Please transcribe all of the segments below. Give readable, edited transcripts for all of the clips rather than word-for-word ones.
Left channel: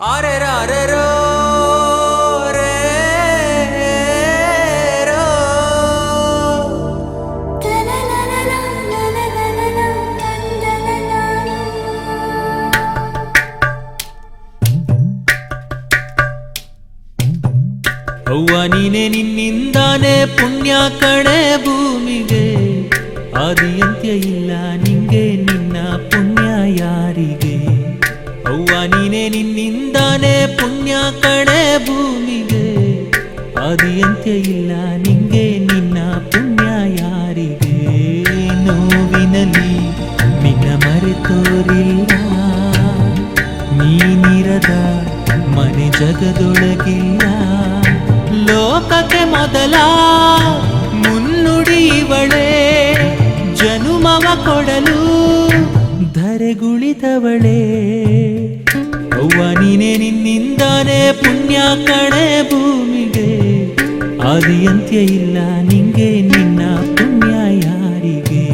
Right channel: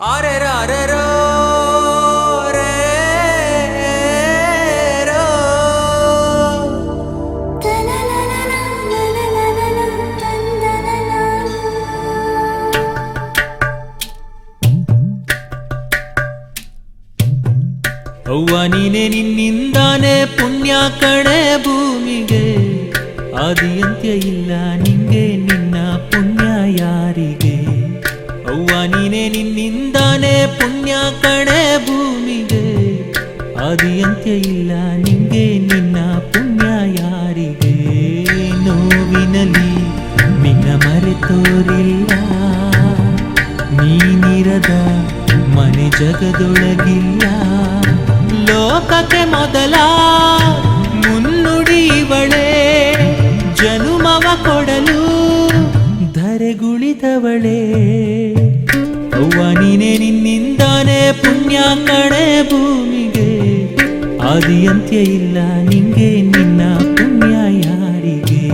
ಆರೆ ರಾರೆ ರೋ ರೇ ರೋ ಅವ್ವ ನೀನೆ ನಿನ್ನಿಂದಾನೆ ಪುಣ್ಯ ಕಣೆ ಭೂಮಿಗೆ ಆದಿ ಅಂತ್ಯ ಇಲ್ಲ ನಿಂಗೆ ನಿನ್ನ ಪುಣ್ಯ ಯಾರಿಗೆ ಅವ್ವ ನೀನೆ ನಿನ್ನಿಂದಾನೆ ಪುಣ್ಯ ಕಣೆ ಭೂಮಿಗೆ ಆದಿ ಅಂತ್ಯ ಇಲ್ಲ ನಿಂಗೆ ನಿನ್ನ ಪುಣ್ಯ ಯಾರಿಗೆ ನೋವಿನಲಿ ನಿನ್ನ ಮರೆತೋರಿಲ್ಲ ನೀನಿರದ ಮನೆ ಜಗದೊಳಗಿಲ್ಲ ಲೋಕಕ್ಕೆ ಮೊದಲ ಮುನ್ನುಡಿ ಇವಳೆ ಜನುಮವ ಕೊಡಲು ಧರೆಗುಳಿದವಳೆ ಅವ್ವ ನೀನೆ ನಿನ್ನಿಂದಾನೆ ಪುಣ್ಯ ಕಣೆ ಭೂಮಿಗೆ ಆದಿ ಅಂತ್ಯ ಇಲ್ಲ ನಿಂಗೆ ನಿನ್ನ ಪುಣ್ಯ ಯಾರಿಗೆ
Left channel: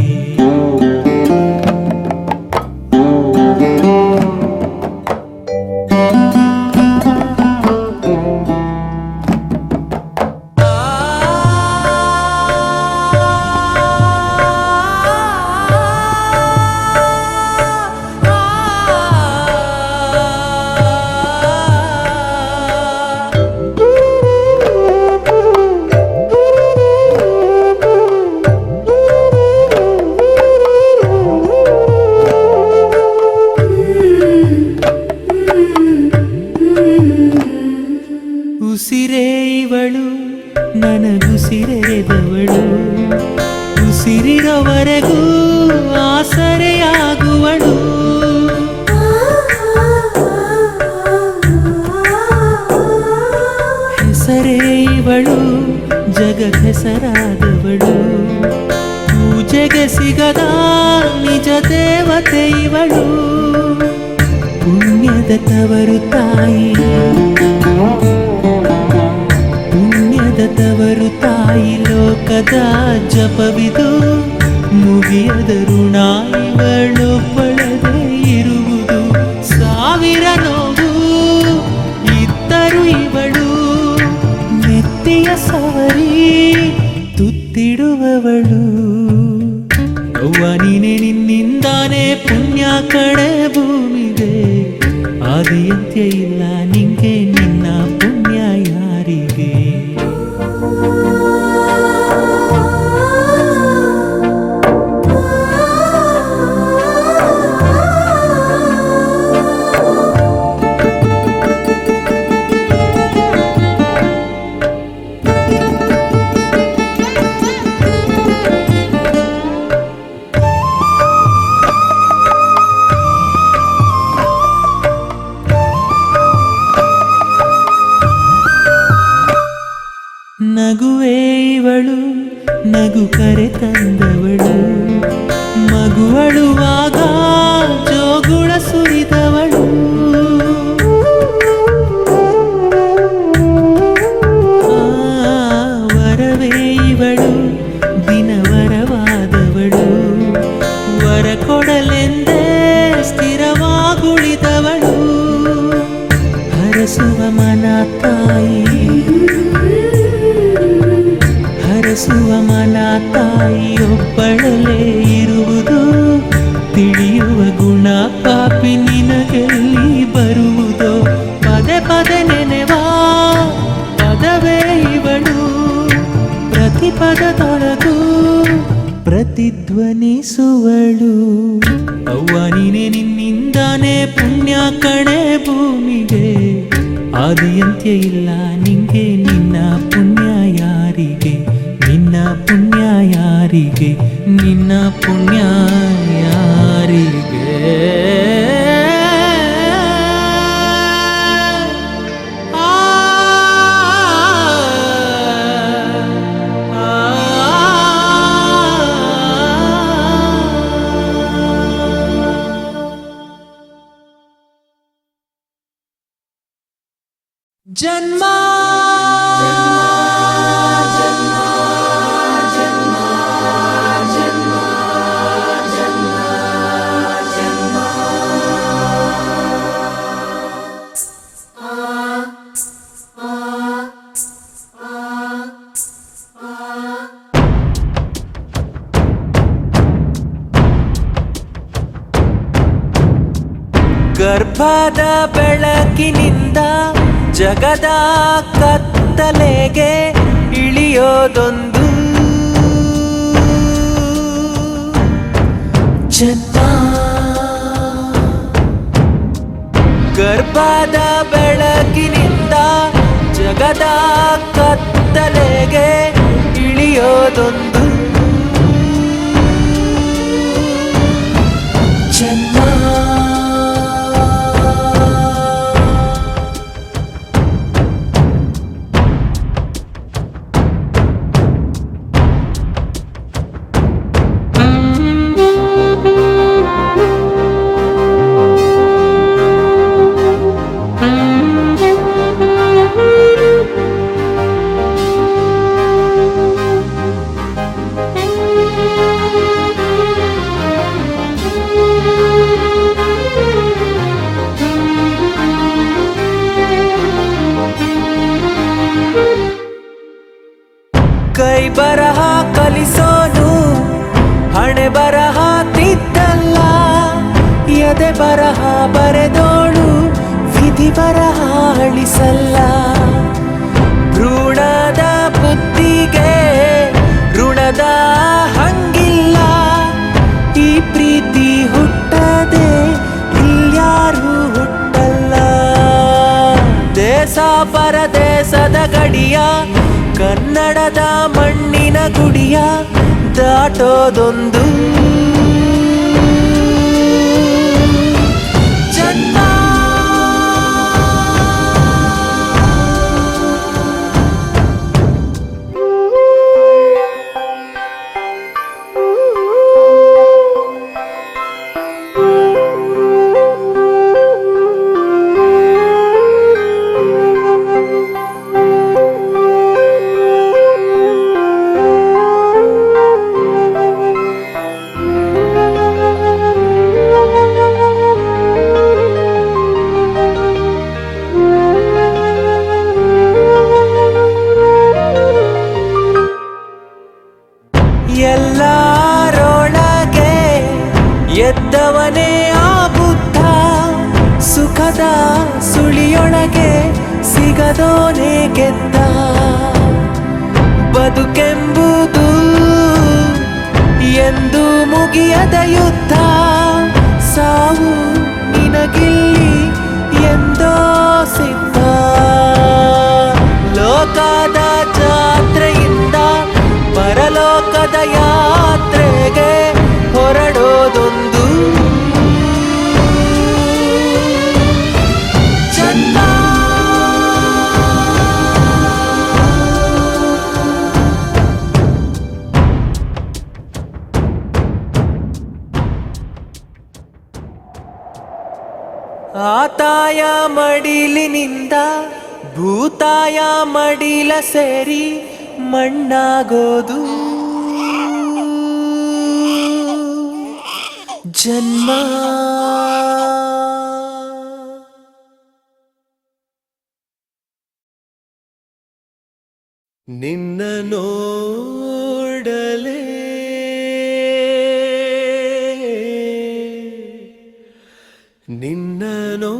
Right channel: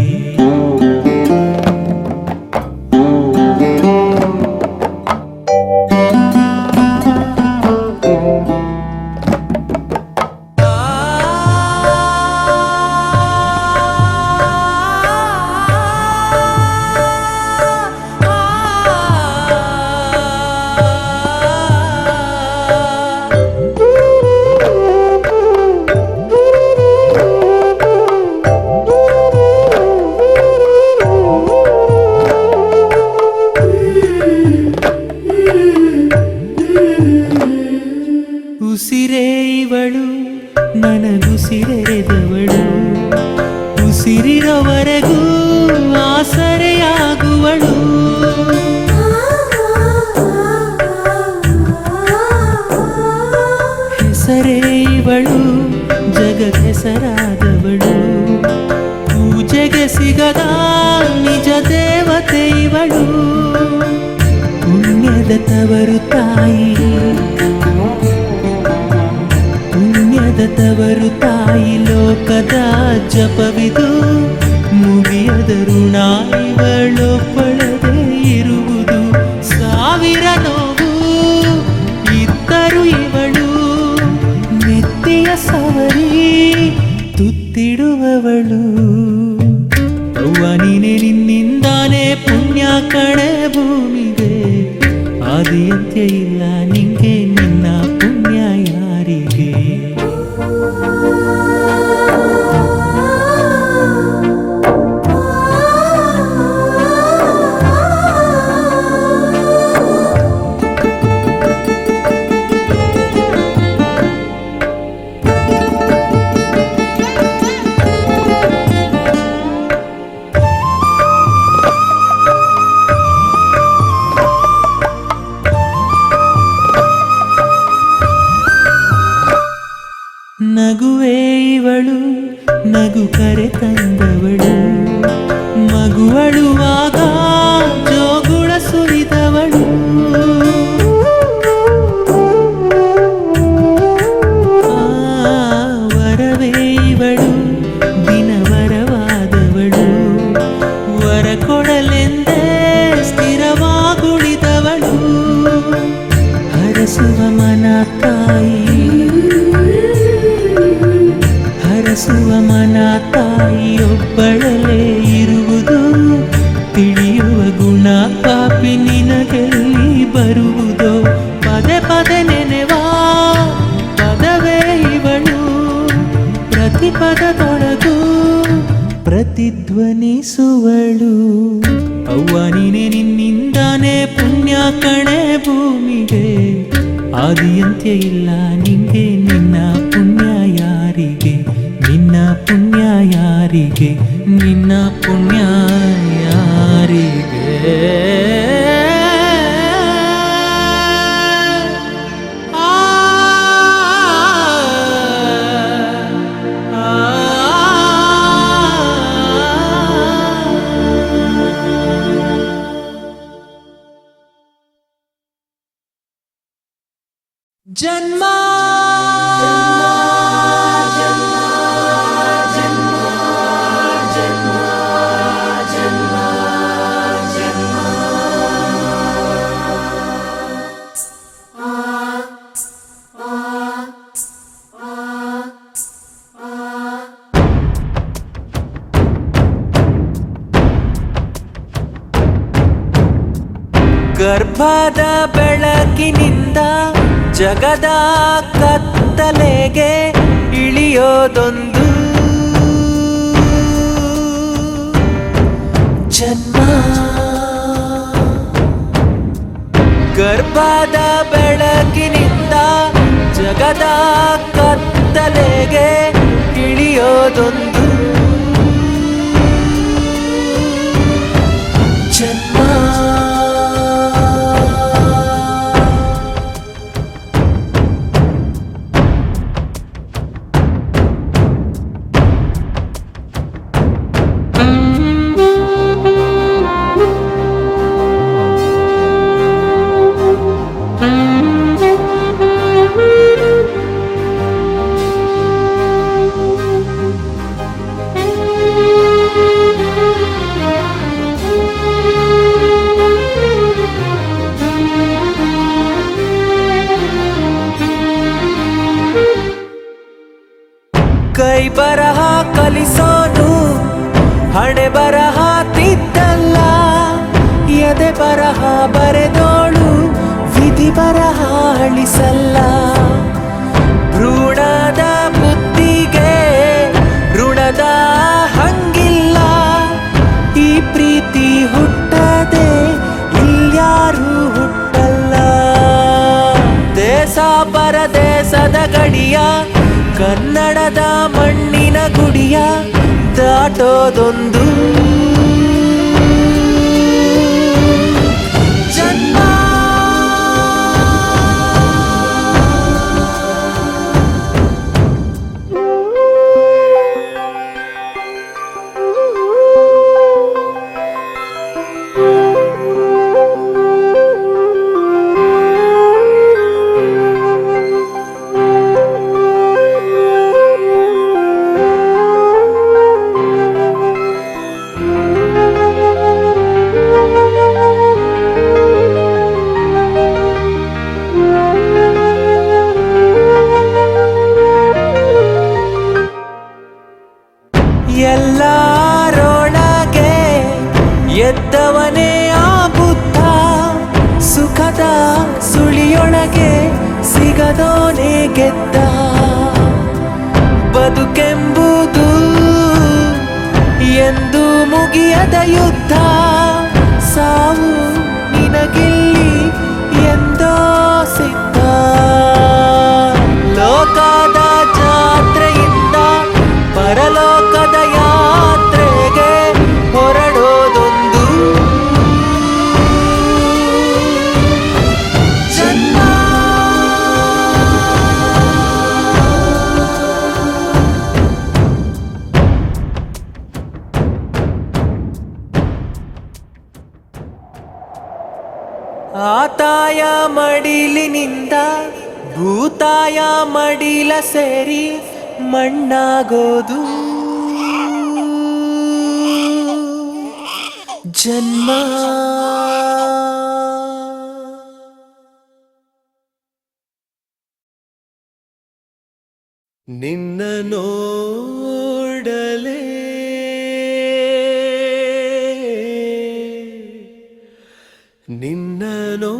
ಉಸಿರೇ ಇವಳು ನನಗುಸಿರೆರೆದವಳು ಉಸಿರಿರವರೆಗೂ ಆಸರೆಯಾಗುವಳು ಹೆಸರೇ ಇವಳು ಜಗತ್ ಹೆಸರಾದವಳು ಪೂಜೆಗೆ ಸಿಗದ ನಿಜ ದೇವತೆ ಇವಳು ಪುಣ್ಯದ ತವರು ತಾಯಿ ಪುಣ್ಯದ ತವರು ತಾಯಿ ಲೋಕದ ಜಪವಿದು ಮುಗಿಯದ ಋಣ ಇವಳೊಬ್ಬಳದೇ ಇರುವುದು ಸಾವಿರ ನೋವು ಇದ್ದರು ಇವಳು ನೆತ್ತಿಯ ಸವರಿ ತುತ್ತಿಡುವವಳು ಅವ್ವ ನೀನೆ ನಿನ್ನಿಂದಾನೆ ಪುಣ್ಯ ಕಣೆ ಭೂಮಿಗೆ ಆದಿ ಅಂತ್ಯ ಇಲ್ಲ ನಿಂಗೆ ನಿನ್ನ ಪುಣ್ಯ ಯಾರಿಗೆ ನಗುವೇ ಇವಳು ನಗು ಕರೆ ತಂದವಳು ಮಗುವಳುವಾಗ ಜೋಗುಳ ಸುರಿದವಳು ವರವೇ ಇವಳು ದಿನವರವಾದವಳು ವರ ಕೊಡಲೆಂದೇ ಸ್ಥಿರವಾಗುಳಿದವಳು ಹರಸುವ ಮನ ತಾಯಿ ಹರಸುವ ಮನ ತಾಯಿಯೊಬ್ಬಳಲೇ ಇರುವುದು ತಿಳಿಯುವ ಗುಣ ಪಾಪಿ ನಿನಗೆಲ್ಲಿ ಬರುವುದೋ ಪದೇ ಪದೇ ನೆನೆವಾ ಪದವೇ ಇವಳು ಪ್ರತಿ ಪದದೊಳಗೂ ಪ್ರತಿಧ್ವನಿಸುವಳು ಅವ್ವ ನೀನೆ ನಿನ್ನಿಂದಾನೆ ಪುಣ್ಯ ಕಣೆ ಭೂಮಿಗೆ ಆದಿ ಅಂತ್ಯ ಇಲ್ಲ ನಿಂಗೆ ನಿನ್ನ ಪುಣ್ಯ ಯಾರಿಗೆ ನಿನ್ನ ಪುಣ್ಯ ಯಾರಿಗೆ ನಿನ್ನ ಪುಣ್ಯ ಯಾರಿಗೆ ಜನ್ಮ ಗರ್ಭದ ಬೆಳಕಿನಿಂದ ಜಗದ ಕತ್ತಲೆಗೆ ಇಳಿಯೋದೊಂದು ಜನ್ಮ. ಗರ್ಭದ ಬೆಳಕಿನಿಂದ ಜಗದ ಕತ್ತಲೆಗೆ ಇಳಿಯೋದೊಂದು ಜನ್ಮ. ಕೈ ಬರಹ ಕಲಿಸೋನು ಹಣೆ ಬರಹ ತಿದ್ದಲ್ಲ, ಎದೆ ಬರಹ ಬರೆದೋಳು ವಿಧಿ ಬರಹ ಅಳಿಸಲ್ಲ. ಭ್ರೂಣದ ಬುದ್ಧಿಗೆ ಋಣದ ಹಂಗಿಲ್ಲ, ಈ ಪ್ರೀತಿ ಹುಟ್ಟದೆ ಇಲ್ಯಾರೂ ಹುಟ್ಟಲ್ಲ. ದೇಶ ಪರದೇಶದ ಗಡಿಯ ಕನ್ನಡದ ಮಣ್ಣಿನ ಗುಡಿಯ ದಾಟೋದೊಂದು ಜನ್ಮ. ಎಲ್ಲರೊಳಗೆ ಎದ್ದವನೇ ಆ ಬುದ್ಧ, ಸುಖದ ಸುಳಿಯೊಳಗೆ ಸಿಗದೋನೇ ಗೆದ್ದ. ಬದುಕೆಂಬುದು ಎಂದು ಮುಗಿಯದ ಯುದ್ಧ, ಸಾವು ನಿನಗಿಲ್ಲಿ ಎಂದೋ ಸಿದ್ಧ. ಲೋಕದ ಜಾತ್ರೆಯಿಂದ ಪರಲೋಕದ ಯಾತ್ರೆಗೆ ಹೊರಡೋದೊಂದು ಜನ್ಮ. ಆತಾಯ ಮಡಿಲಿನಿಂದ ಭೂತಾಯ ಮಡಿಲ ಸೇರಿ ಮಣ್ಣಾಗೋದು ಜನ್ಮ. ನಿನ್ನ ನೋಡಲೇ ನಿನ್ನ ನೋಡಲೇ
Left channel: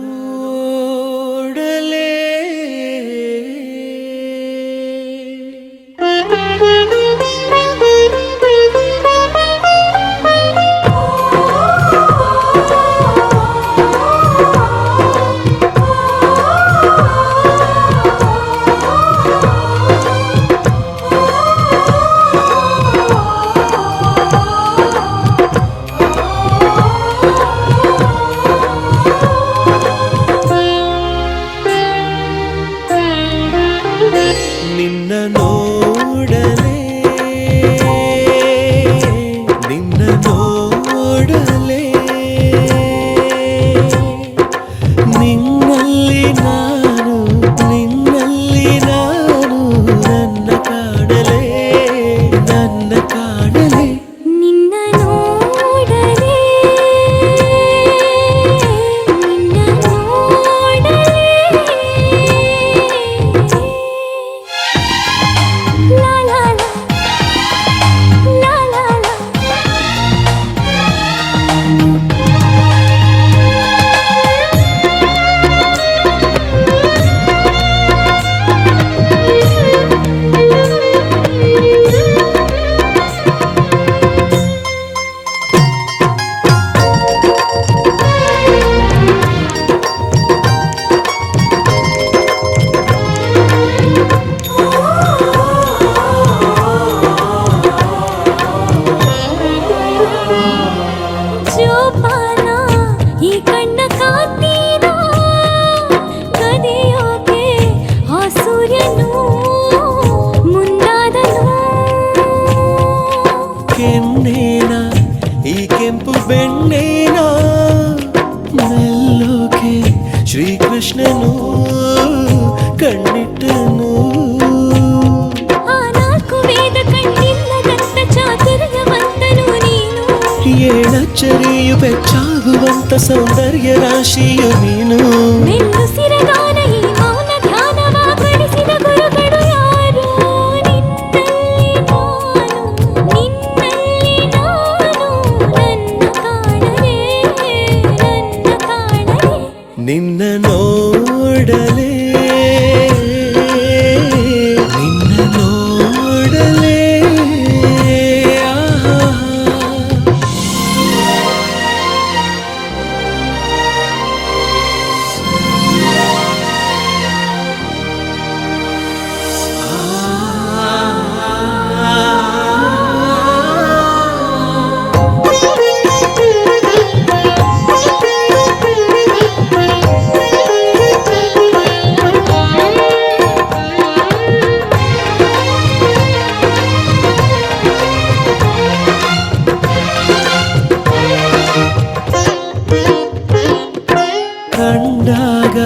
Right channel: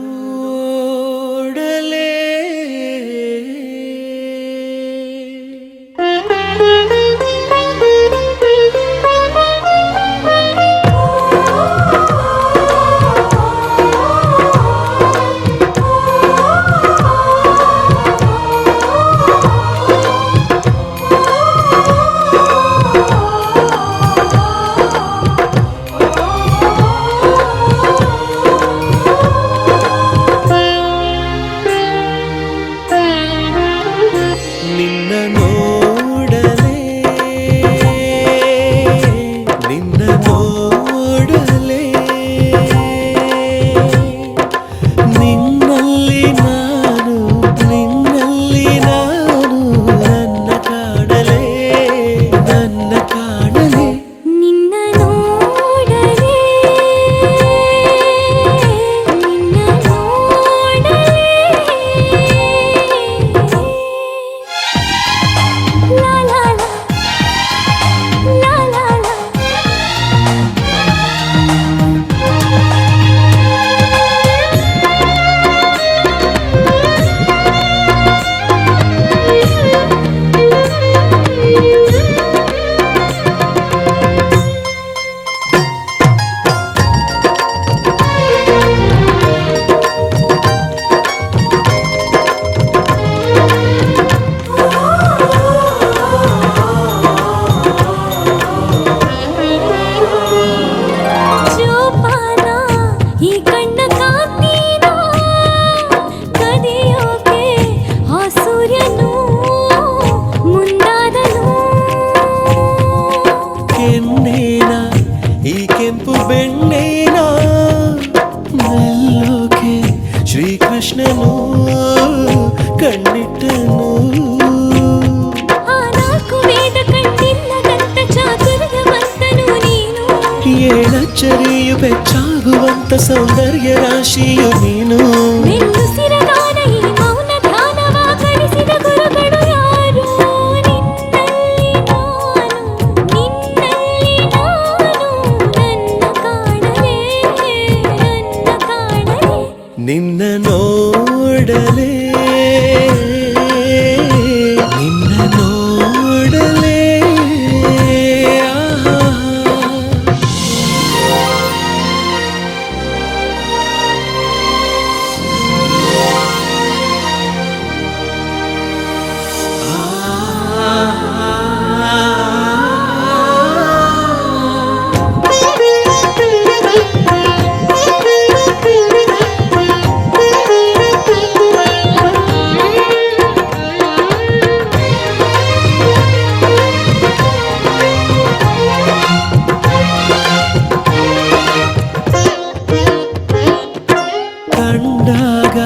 ಕಣ್ಣಿಟ್ಟನು ಏಳಚ್ಚರಿಯು ಬೆಚ್ಚಾಗುವಂತ ಸೌಂದರ್ಯ ರಾಶಿಯು ನೀನು ನಿನ್ನ ನೋಡಲೇ ನಿನ್ನ ನೋಡಲೇ ಕಂಡಾಗ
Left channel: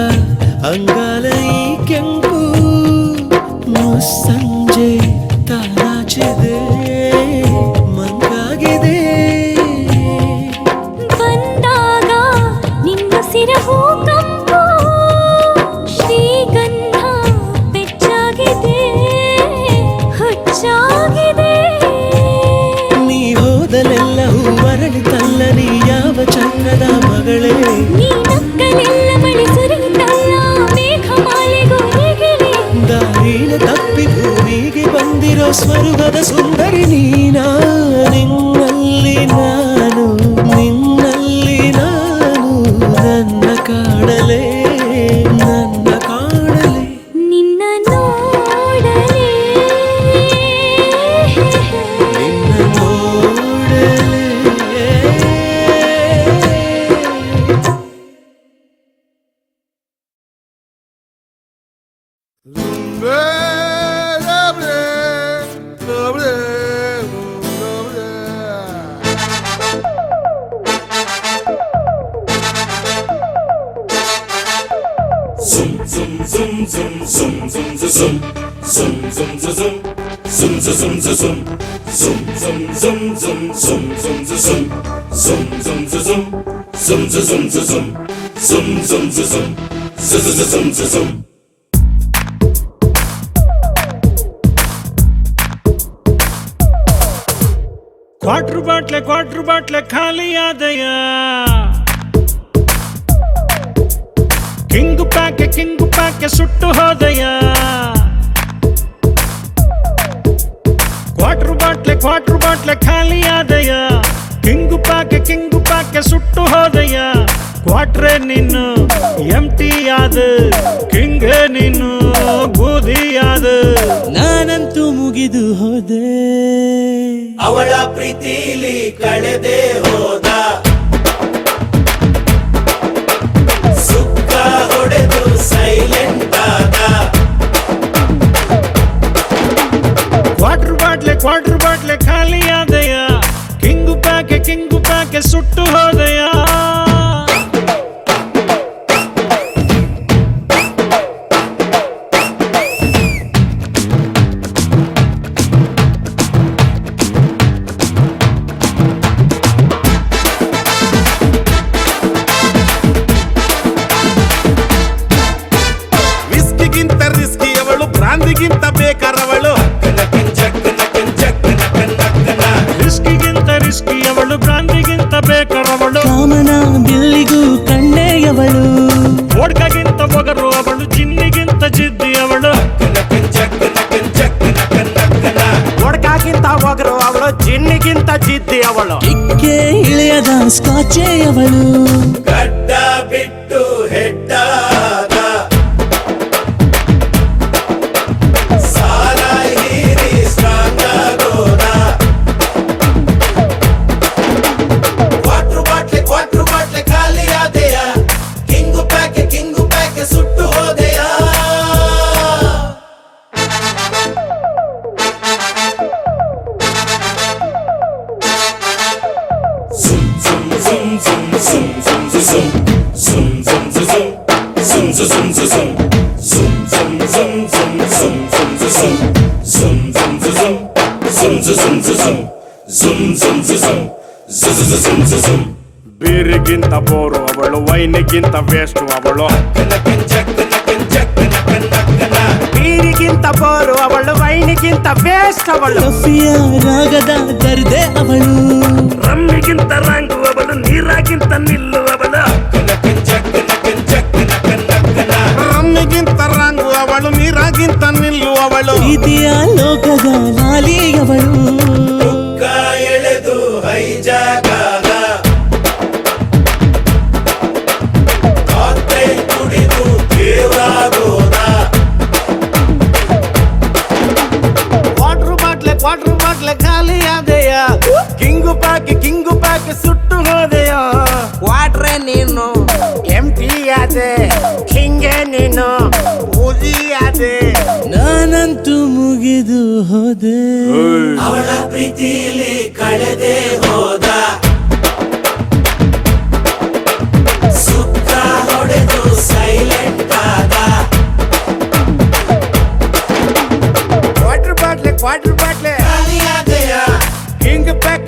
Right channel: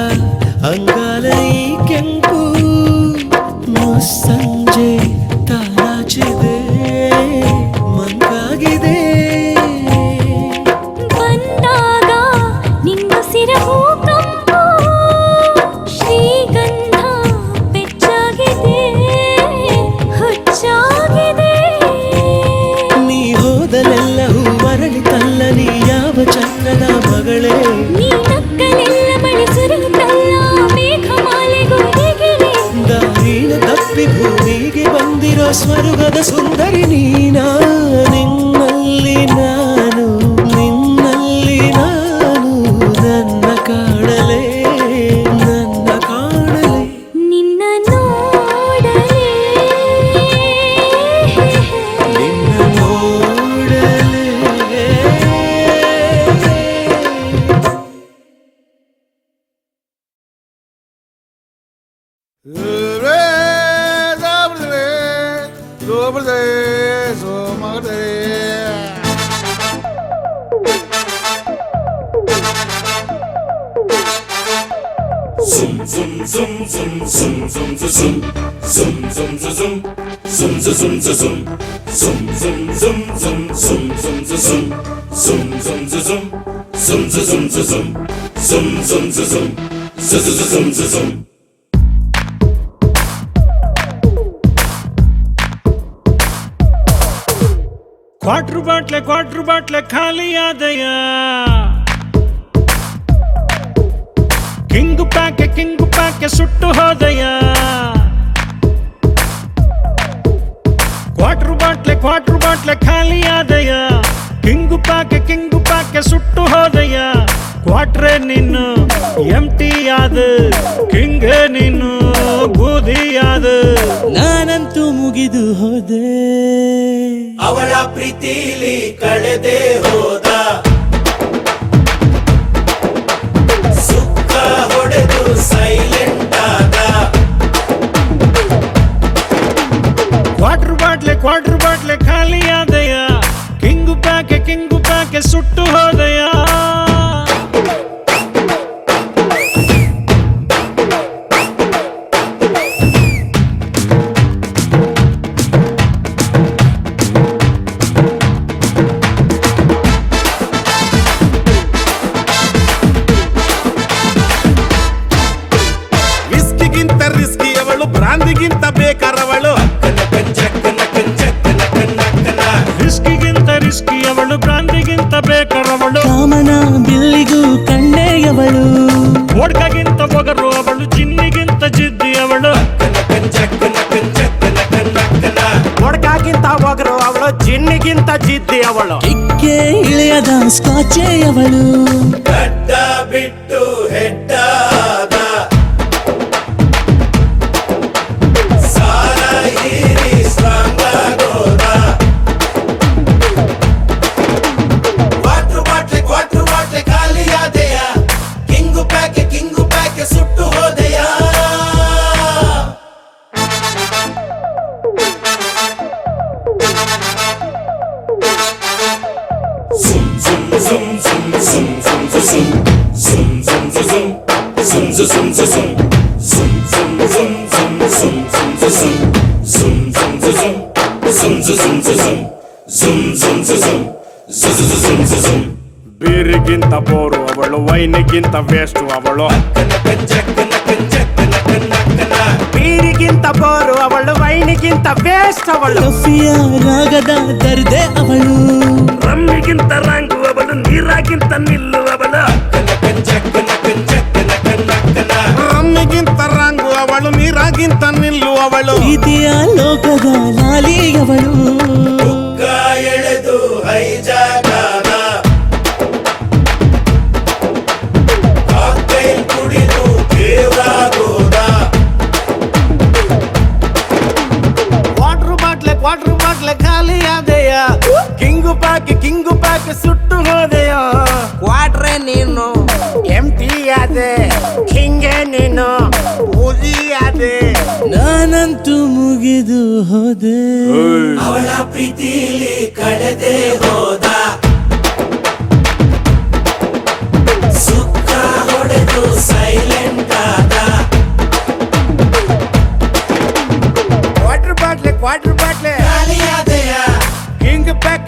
ಅಂಗಾಲ ಈ ಕೆಂಪು ಮುಸ್ಸಂಜೆ ತಾಚಿದೆ ಮಂಕಾಗಿದೆ ಬಂದಾಗ ನಿನ್ನ ಸಿರಹು ಕಂಪು ಶ್ರೀಗಂಧ ಬೆಚ್ಚಾಗಿದೆ ಹುಚ್ಚಾಗಿದೆ ನೀ ಹೋದಲೆಲ್ಲವೂ ಮರಳಿತಲ್ಲ ನೀ ಯಾವ ಚಕ್ರದ ಮಗಳೇ ನೀ ನಕ್ಕಲೆಲ್ಲ ಮಳೆ ಸುರಿಯುತ್ತಲ್ಲ ಮೇಘಮಾಲೆಗೂ ಹೀಗಿವೆ ದಾರಿನ ತಪ್ಪಿ ಭೂಮಿಗೆ ಬಂದಿರೋ ಸ್ವರ್ಗದ ಸುಂದರಿ ನೀನಾ ನಿನ್ನಲ್ಲಿ ನಾನು ನಿನ್ನಲ್ಲಿ ನಾನು ನನ್ನ ಕಾಣಲೇ ನನ್ನ ಕಾಣಲೇ ನಿನ್ನ ನೋಡಲೇ ನಿನ್ನ ನೋಡಲೇ ಕ್ವಾರ್ಟರ್ ಬಾಟ್ಲೆ ಖಾಲಿ ಆದಯ ಕಿಂಗು ಪ್ಯಾಕೆ ಸುಟ್ಟು ಹೋದಯ ಕ್ವಾರ್ಟರ್ ಬಾಟ್ಲೆ ಖಾಲಿ ಆದಯ ಕಿಂಗು ಪ್ಯಾಕೆ ಸುಟ್ಟು ಹೋದಯ ಕ್ವಾಟ್ರೆ ನೀನು ಎಂಟಿ ಆದ ಕಿಂಗ್ ನೀನು ಬೂದಿ ಆದ ನಾನಂತೂ ಮುಗಿದು ಹೋದೆ ಅವಳ ಪ್ರೀತಿಲಿ ಕಳೆದೆ ಹೋದ ಸುತ್ತ ಹೊಡೆದು ಸೈಲೆಂಟ್ ಆದ ಕ್ವಾರ್ಟರ್ ಬಾಟ್ಲೆ ಖಾಲಿ ಆದಯ ಕಿಂಗು ಪ್ಯಾಕೆ ಸುಟ್ಟು ಹೋದಯ ವಿಸ್ಕಿಗಿಂತ ರಿಸ್ಕಿ ಅವಳು ಬ್ರಾಂದಿಗಿಂತ ಬೇಕಾರವಳು ರಿಸ್ಕಿ ಅವಳು ಬ್ರಾಂದಿಗಿಂತ ಬೇಕಾರವಳು ಕಾಮನ ಬಿಲ್ಲಿಗೂ ಕಣ್ಣೆಯವಳು ವೋಡ್ಕಾಗಿಂತ ಒಗರು ಅವಳು ಜಿನ್ನಿಗಿಂತ ಜಿದ್ದಿ ಅವಳು ಒಡ್ಕಾಗಿಂತ ಒಗರು ಅವಳು ಜಿನ್ನಿಗಿಂತ ಜಿದ್ದಿ ಅವಳು ಇಕ್ಕೆ ಇಳಿಯದ ಸ್ಕಾಚೆಯವಳು ಗಡ್ಡ ಬಿಟ್ಟು ಹೆಡ್ಡಾದ ಸಾರ ಹೀರಿ ಸಾಕಾಗೋದ ಕ್ವಾರ್ಟರ್ ಬಾಟ್ಲೆ ಖಾಲಿಯಾದೆಯ ಕಿಂಗು ಪ್ಯಾಕೆ ಸುಟ್ಟು ಹೋದೆಯ ಬೀರಿಗಿಂತ ಬೋರು ಅವಳು, ವೈನಿಗಿಂತ ವೇಸ್ಟ್ ಅವಳು. ಬೀರಿಗಿಂತ ಬೋರು ಅವಳು, ವೈನಿಗಿಂತ ವೇಸ್ಟ್ ಅವಳು. ರಫಿಯ ರಾಗದ ದರ್ದೆ ಅವಳು, ರಮ್ಮಿಗಿಂತ ರಂಗು ಅವಳು, ನೀರಾಗಿಂತ ನಿಲ್ಲು ಅವಳು. ರಮ್ಮಿಗಿಂತ ರಂಗು ಅವಳು, ನೀರಾಗಿಂತ ನಿಲ್ಲು ಅವಳು. ಪ್ರೀತಿಯ ಲೋಕದ ಲಾಲಿ ಅವಳು, ವಾಟರ್ ಬಾಟ್ಲೆ ಖಾಲಿ ಆದೆಯ, ಕಿಂಗು ಪ್ಯಾಕ್ ಸುಟ್ಟು ಹೋದೆಯ. ವಾಟ್ರೆ ನೀನು ಎಂಟಿ ಆದೆ, ಹಿಂಗೆ ನೀನು ಊದಿ ಆದೆ. ನಾನಂತೂ ಮುಗಿದು ಹೋದೆ. ಅವಳ ಪ್ರೀತಿಲಿ ಕಳೆದೆ ಹೋದ, ಸುತ್ತ ಹೊಡೆದು ಸೈಲೆಂಟ್ ಆದ. ವಾಟರ್ ಬಾಟ್ಲೆ ಕಿಂಗ್ ಪ್ಯಾಕ್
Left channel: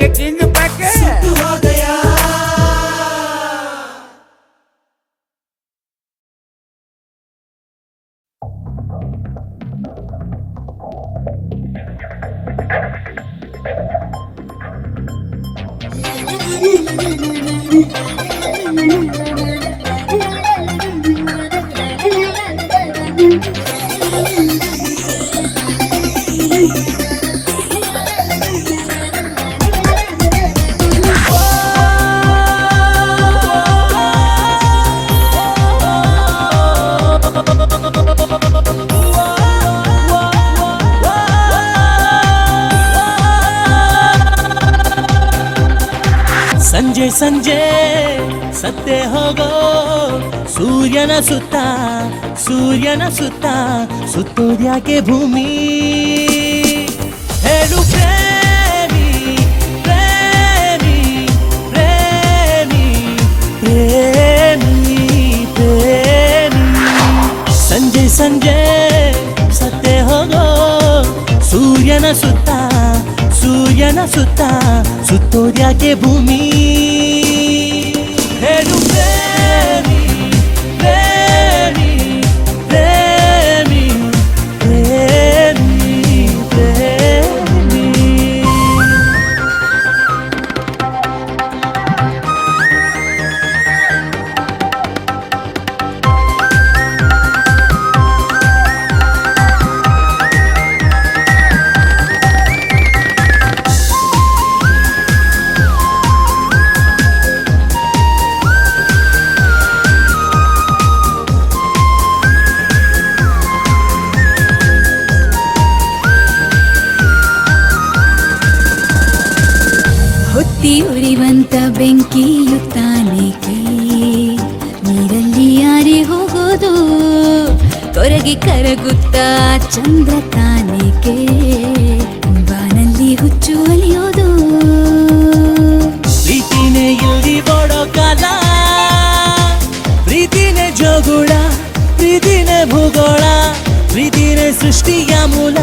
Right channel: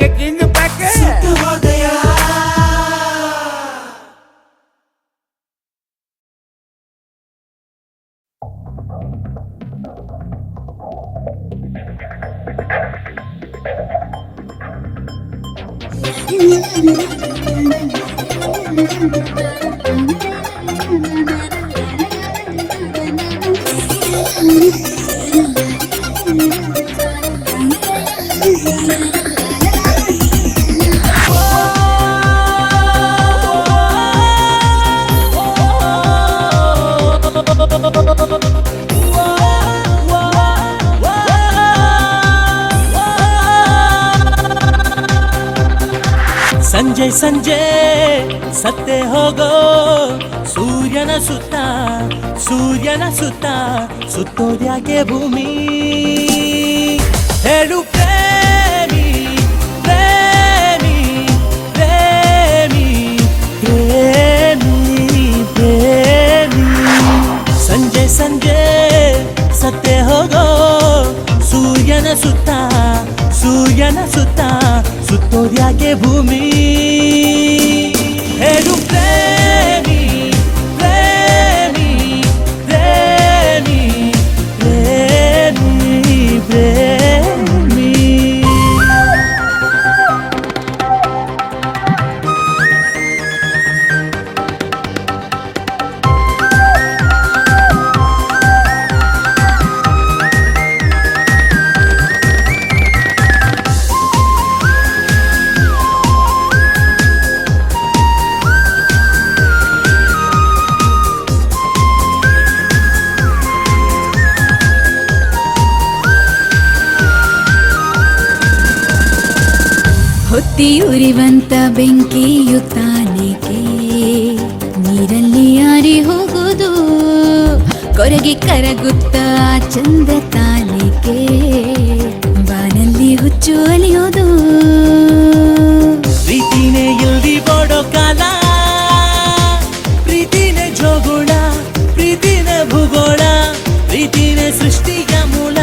ಸಂಜೆ ಸತ್ತೆ ಹೋಗೋ ಸೂರ್ಯನ ಸುತ್ತ ಸುತ್ತೋದ್ಯಾಕೆ ಭೂಮಿ. ಹೇಳು ಪ್ರೇಮಿ ಪ್ರೇಮಿ ಪ್ರೇಮಿ ಪ್ರೇಮಿ ಪ್ರೇಮಿ. ಸಂಜೆ ಸತ್ತೆ ಹೋಗೋ ಸೂರ್ಯನ ಸುತ್ತ ಸುತ್ತೋದ್ಯಾಕೆ ಭೂಮಿ. ಉರಿವಂತ ಬೆಂಕಿಯು ತಾನೇಕೆ ನೀರಲ್ಲಿ ಯಾರಿ ಹೋಗೋದು, ಕೊರಗಿ ಕರಗುತ್ತಾ ಚಂದ ತಾನೇಕೆ ಬಾನಲ್ಲಿ ಹುಚ್ಚು ಅಲಿಯೋದು. ಪ್ರೀತಿನೇ ಎಲ್ಲಿ ನೋಡೋ ಕಾಲ, ಪ್ರೀತಿನೇ ಜೋಗುಳ, ಪ್ರೀತಿನೇ ಭೂಗೋಳ, ಪ್ರೀತಿನೇ ಸೃಷ್ಟಿಯ ಮೂಲ,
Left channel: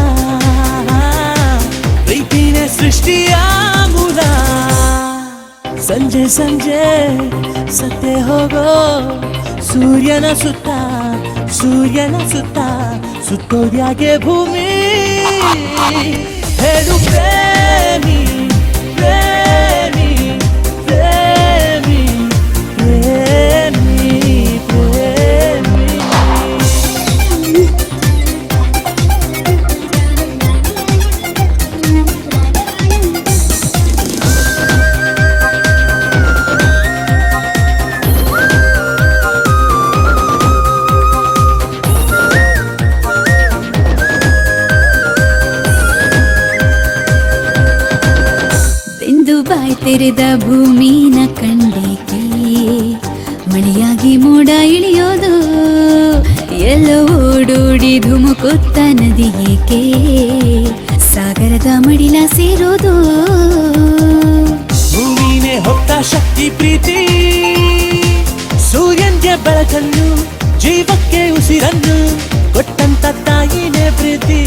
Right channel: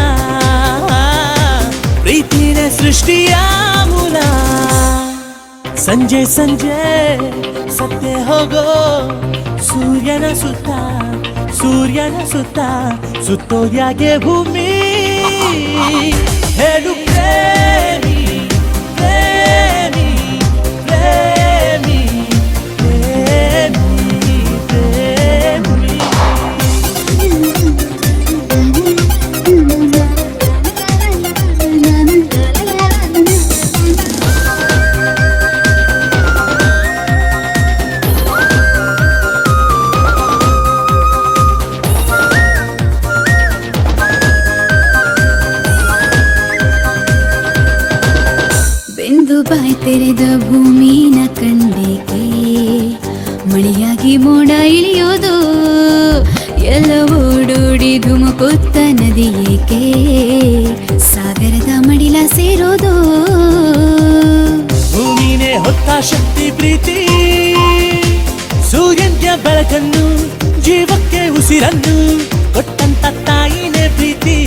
ಪ್ರೀತಿನೇ ಸೃಷ್ಟಿಯ ಮೂಲ. ಸಂಜೆ ಸತ್ತೆ ಹೋಗೋ ಸೂರ್ಯನ ಸುತ್ತ ಸುತ್ತೋದ್ಯಾಕೆ ಭೂಮಿ. ಹೇಳು ಪ್ರೇಮಿ ಪ್ರೇಮಿ ಪ್ರೇಮಿ ಪ್ರೇಮಿ ಪ್ರೇಮಿ. ತೆರೆದ ಭೂಮಿನ ಕಣ್ಣಿಗೆ ಮಳೆಯಾಗಿ ಮೋಡ ಇಳಿಯೋದು, ಎಲ್ಲ ಓಡೋಡಿ ಧುಮುಕುತ್ತ ನದಿ ಏಕೆ ಸಾಗರದ ಮಡಿಲ ಸೇರೋದು. ಭೂಮಿನೇ ಹೊತ್ತ ಶಕ್ತಿ ಪ್ರೀತಿ, ಸೂರ್ಯನ್ಗೆ ಬೆಳಕನ್ನು, ಜೀವಕ್ಕೆ ಉಸಿರನ್ನು ಕೊಟ್ಟಂತ ತಾಯಿನೇ ಪ್ರೀತಿ,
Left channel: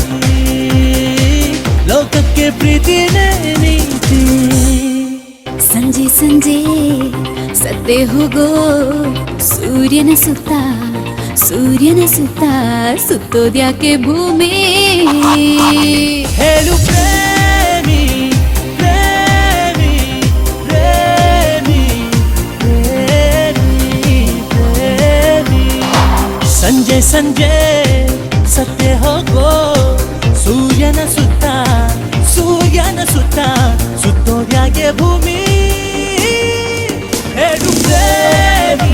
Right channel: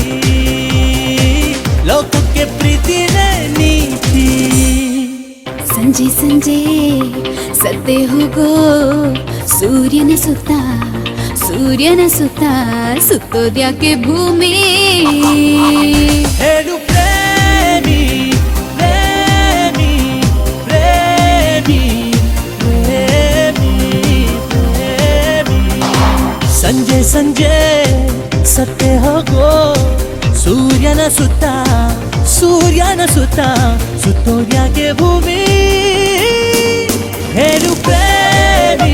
ಲೋಕಕ್ಕೆ ಪ್ರೀತಿ ಸುತ್ತ ಸೂರ್ಯನ ಸುತ್ತ ಸುತ್ತೋದ್ಯಾಕೆ ಭೂಮಿ ಹೇಳು ಪ್ರೇಮಿ ಪ್ರೇಮಿ ಪ್ರೇಮಿ ಪ್ರೇಮಿ ಪ್ರೇಮಿ ಸಂಜೆ ಸಂಜೆ ಸತ್ತೆ ಹೋಗೋ ಸೂರ್ಯನ ಸುತ್ತ ಸುತ್ತೋದ್ಯಾಕೆ ಭೂಮಿ ಹೇಳು ಪ್ರೇಮಿ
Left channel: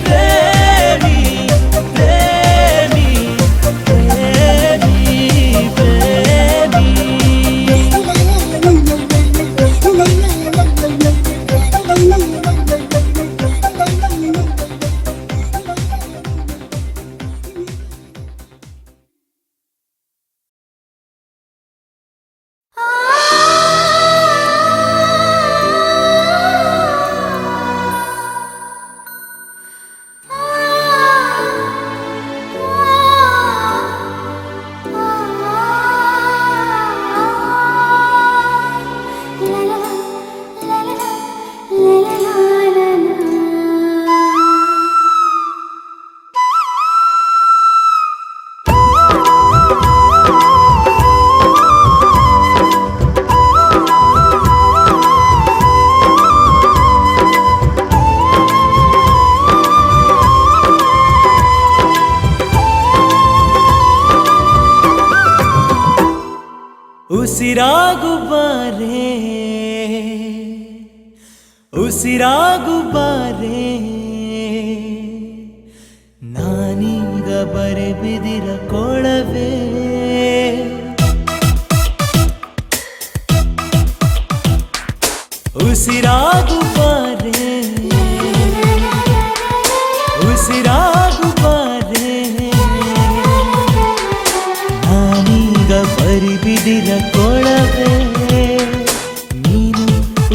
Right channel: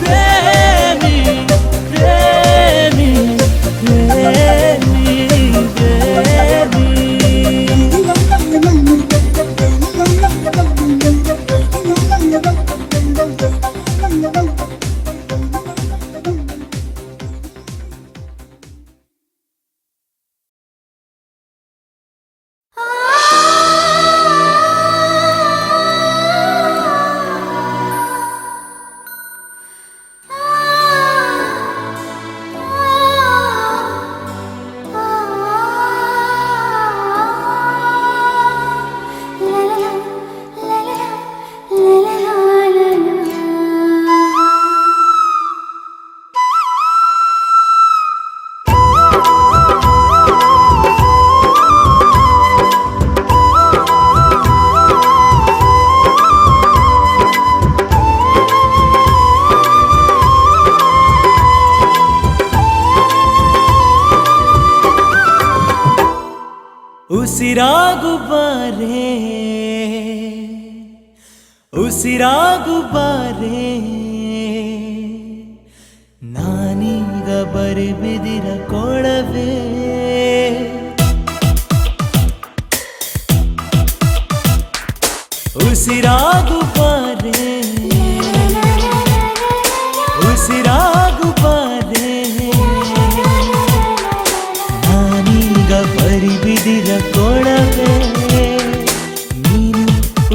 ಪ್ರೇಮಿ ಪ್ರೇಮಿ ಪ್ರೇಮಿ ಉಸಿರಾಗು ಬಾರೆ ಉಸಿರಾಗು ಬಾರೆ ನಾನೀಗ ಬರೆಬಿದಿರ ಕೊಳವೆ ಉಸಿರಾಗು ಬಾರೆ ಉಸಿರಾಗು ಬಾರೆ ನಾನೀಗ ಬರಿಬಿದಿರ ಕೊಳವೆ ನೀನು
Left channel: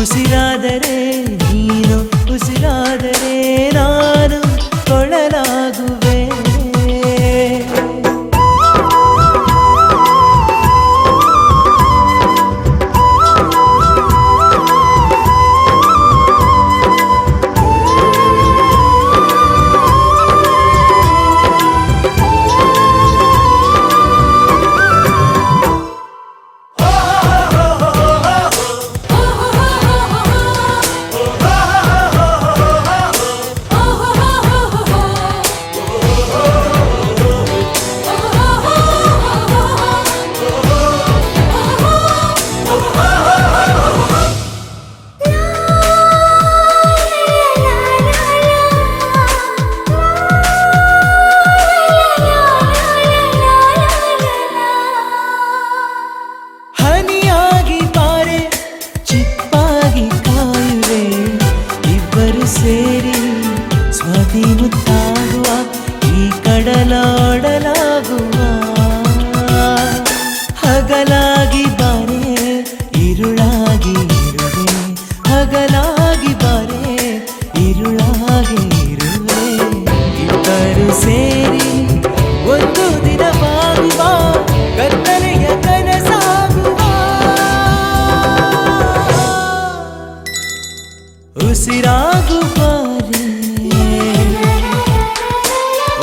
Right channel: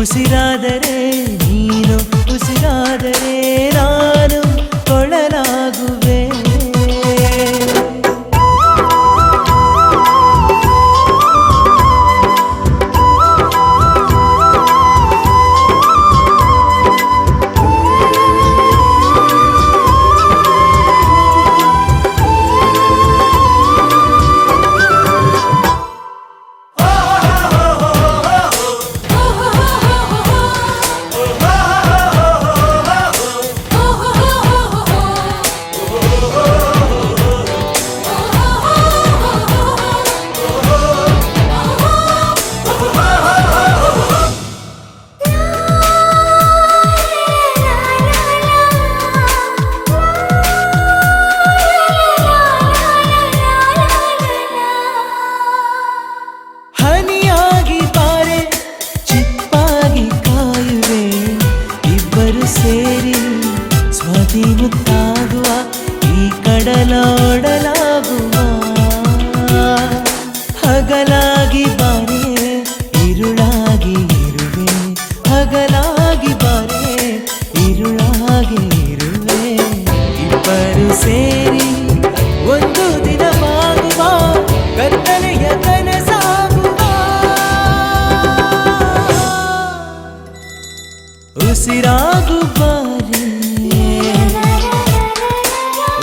ಉಸಿರಾದರೆ ನೀನು ಉಸಿರಾದರೆ ನಾನು ಕೊಳಲಾಗುವೆ ಹನಿಯಾಗಿ ಬಾರೆ ಚಿಪ್ಪಾಗಿ ಕಾಯುವೆ ಇಬ್ಬರು ಸೇರಿ ಸ್ವಾತಿ ಮುತ್ತಾಗುವ ಈ ಕಡಲೋಡಲಾಗುವ ಹಗಲಾಗಿ ಬಾರೆ ഇരുളാಗಿ ಇರುವೆ ಹಗಲಾಗಿ ಬಾರೆ ഇരുಳಾಗಿ ಇರುವೆ ಇಬ್ಬರು ಸೇರಿ ಒಂದು ದಿನವಾಗುವ ಕತ್ತಲೆಯ ಕನಸಾಗುವ ಉಸಿರಾಗು ಬಾರೆ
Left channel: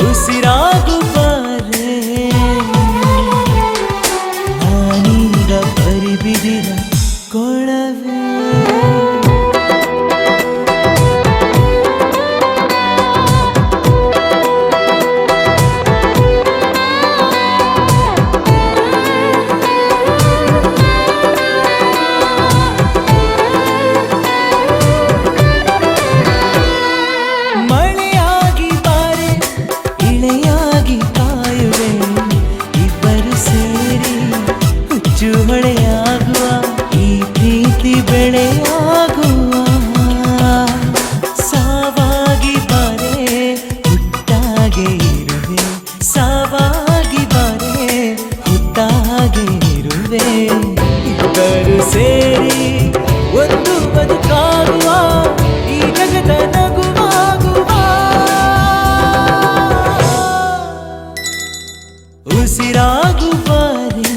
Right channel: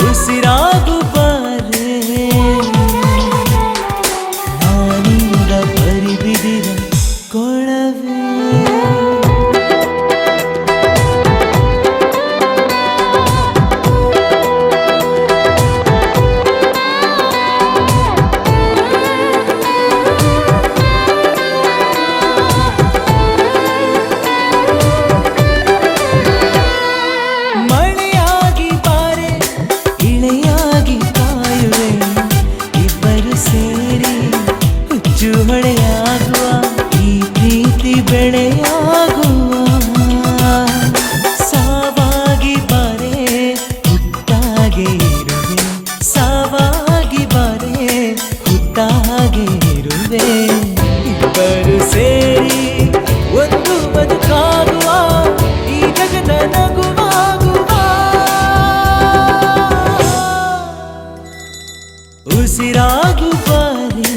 ಉಸಿರಾಗು ಬಾರೆ ನಾನೀಗ ಬರಿಬಿದಿರ ಕೊಳವೆ ಮಳೆಯಾಗಿ ಬಾರೆ ಇಳೆಯಾಗಿ ಕಾಯುವೆ ಇಬ್ಬರು ಸೇರಿ ಹುಚ್ಚು ಹೊಳೆಯಾಗುವ ಈ ಪ್ರೀತಿ ಬೆಳೆಯಾಗುವ ಸಾವಾಗಿ ಬಾರೆ ಹುಟ್ಟಾಗೆ ಇರುವೆ ಸಾವಾಗಿ ಬಾರೆ ಹುಟ್ಟಾಗೆ ಇರುವೆ ಇಬ್ಬರು ಸೇರಿ ಒಂದು ಬದುಕಾಗುವ ಈ ಜಗದ ನಗುವಾಗುವ ಉಸಿರಾಗು ಬಾರೆ